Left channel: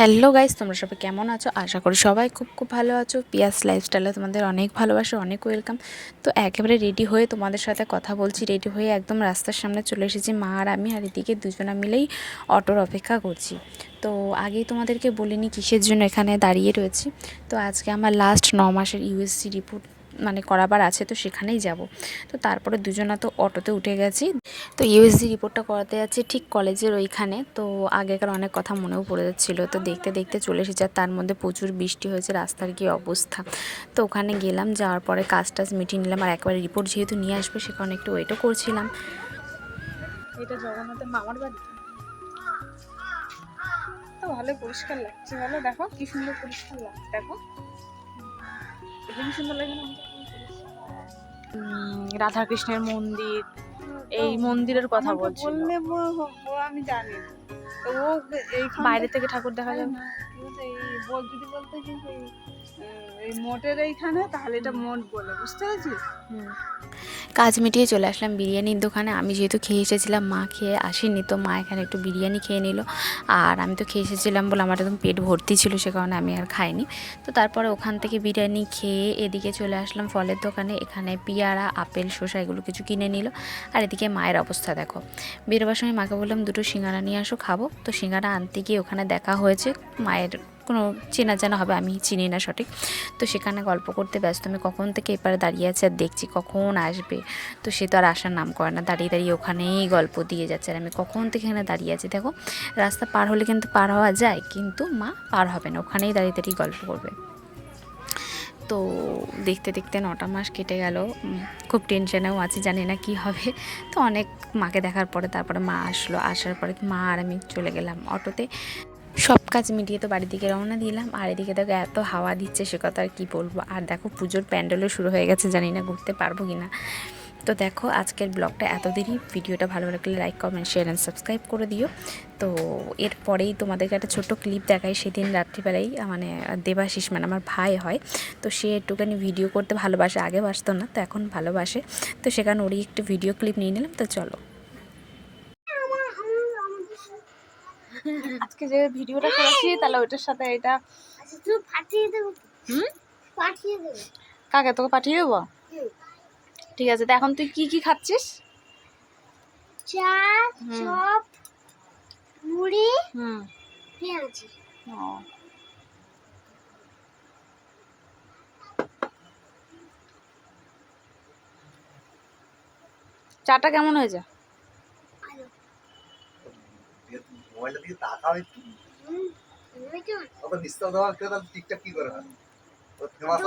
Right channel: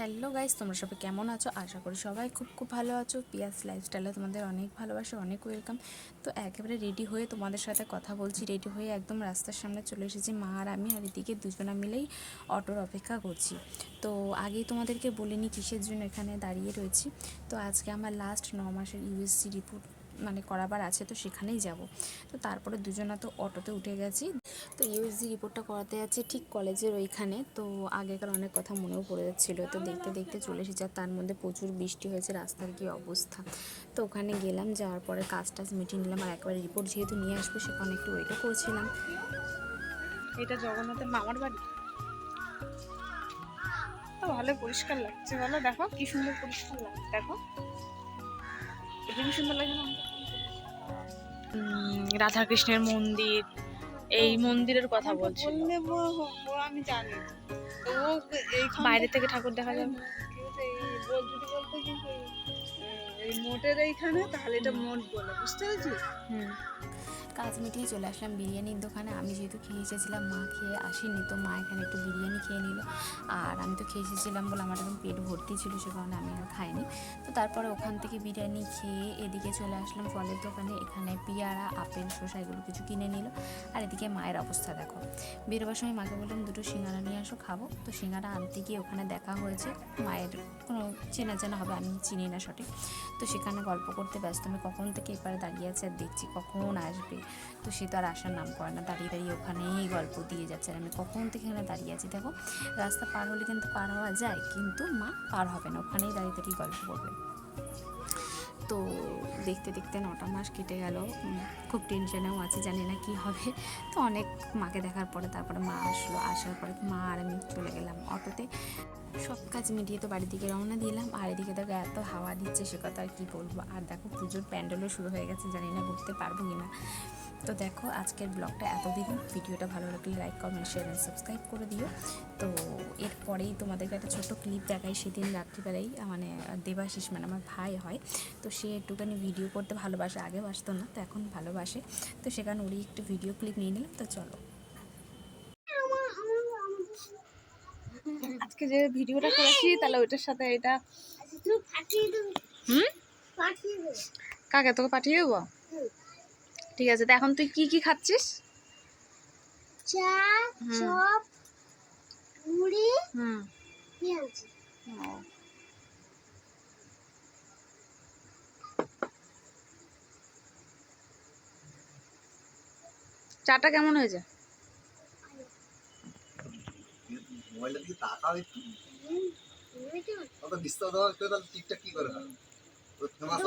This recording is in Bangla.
হ্যালো গাইস, তোমরা সবাই কেমন আছো? আশা করি সবাই খুব খুব ভালো আছো। পিয়াস লাইফস্টাইলে তোমাদের অনেক ভালোবাসা, অনেক ওয়েলকাম তো একেবারে রেডি হয়ে তোমাদের সাথে কথা বলছি রেডি হয়ে একদম রাস্তার সামনে চলে এসেছি মা আর আমি আর এদিকে দুজনা মিলেই অটোর অপেক্ষা করছি। তো আগেই তোমাদেরকে বলিনি কিসের জন্য এখানে দাঁড়িয়ে রয়েছি। তো আজকে আমার লাস্ট ন মাসের ইউএসসি রিপোর্ট মানে করাবার আছে, তো সেখানেই যাব। তো তারপরে দুজনা তো অটোতে উঠে গেছি। তো ইউএসজি রিপোর্টটা করাতে যাচ্ছি ঠিক কলেজের ওইখানে। তো আগেকার অনেক কথা মনেও পড়ে যাচ্ছিল। তো দেখতে দেখতে চলে এসেছে আর তার মধ্যে প্রচুর বৃষ্টি হয়েছে, রাস্তার কি অবস্থা। তো ওখানে গেলাম, যাওয়ার পরে কাজ টাজ মিটিয়ে নিলাম আর একবারে রিপোর্ট যেহেতু নিয়ে আসবে সেখানে একটু ওয়েটও করছিলাম। ভালো পরিষ্কার লাগছে। বলো দেখো কি সুন্দর পরিষ্কার লাগছে, দেখো। রাধাকৃষ্ণের মন্দির এই মন্দিরের কথা বলছি আমি জানি। বাইরে থেকে ঠাকুর দেখা যায় যাবে। এই বল যদি বলতে এই, মোটের এইখানে তাহলে এটা মোট বলে বুঝতে পেরেছিস? হুম। কাজ মিটিয়ে চলে আসলাম বিরিয়ানির দোকানে। আমি যেহেতু খেয়ে এসেছিলাম, মা খেয়ে আসেনি, তো মা এখানে একটু বিরিয়ানি খেয়ে নিল। আর আমি তো খেয়ে এসেছিলাম বলে আমার একদম পেট ভর্তি ছিল, সে কারণে আমি আর খাইনি। তো তারপরে ওখান থেকে বিরিয়ানি খেয়ে এদিকে চলে আসলাম ফলের দোকানে। এখানে পেয়ারা, আপেল, শসা এগুলো কিছু কিনে নিল। আর এদিকে মায়ের অবস্থা দেখো। বেরোবার সময় মাকে বললাম, দুটো সিঙ্গারা নিয়ে আসো, খাব। তো সিঙ্গারা আনতে গিয়ে ওখানে দেখা হয়েছে, মায়ের কোনো চেনা জানা হবে, আমি চিনি না সঠিক। তো সেখানে গল্প করতে ব্যস্ত, আমি কখন থেকে এপারে দাঁড়িয়ে আছি আর দেখছি কখন আসবে। তো সে তো আর আসার নাম করে না, দাঁড়িয়ে দাঁড়িয়ে ওখানেই গল্প দিয়ে যাচ্ছে আর আমি কখন থেকে এখানে দাঁড়িয়ে আছি। দেখো, রাস্তা পার হলে কিন্তু পার হওয়া যায়, কিন্তু মা পার হবে না, ওখানেই দাঁড়িয়ে দাঁড়িয়ে গল্প করবে। তো দেখতে দেখতে নটা মাস কেটে গেল খুব টেনশনেও আছি, জানি না কি হবে। তো অনেক মাকে দেখার পরে তারপরে মা আসলো, আসার পরে মা আর আমি চলে গেলাম অটোতে। সব কাজ মিটিয়ে তো বাড়ির দিকে রওনা দিলাম। আর এদিকে দেখো এত হাওয়া দিচ্ছে, সে কথা আর কী বলব? আর দেখো পুজোর প্যান্ডেলও শুরু হয়ে গেছে, জানি না ঘুরতে পারব কি না তো দেখো আজকের ব্লগটা এতদিনই। ভিডিওটা ভালো লাগলে like, comment, share and subscribe করে দিও। তো এরপরেই তোমাদেরকে একটা ছোট্ট ক্লিপ দেখাই। সেদিন রাত্রিবেলাই মানে দেবাশিস মানে আমার ভাই হয়, তো সে একটুখানি ভিডিও করতে ভালোবাসে, আগে বাসতো না, তো এখন ভালোবাসে। তো সেখানে ওরই একটু ভিডিও ক্লিপ নিয়ে নিলাম, তো চলো। আজকে যে ভিডিওটা করেছি তাহলে ওইটার সাথে এটা তুই পাঠিয়ে দেবো পাঠিয়ে দেবো কাকে তোকে পাঠিয়ে দেবো? ঠিক আছে তো এখন তুই কি কি খাচ্ছিস? চা। চপ মুড়ি হুম। পেঁয়াজ। ও। চাটা কেমন হয়েছে? মোবাইলটা দিকে তাকাও একটু অত নিস্তার দেওয়া কেউ ঠিকঠাক কি করে হয়? ফেমাস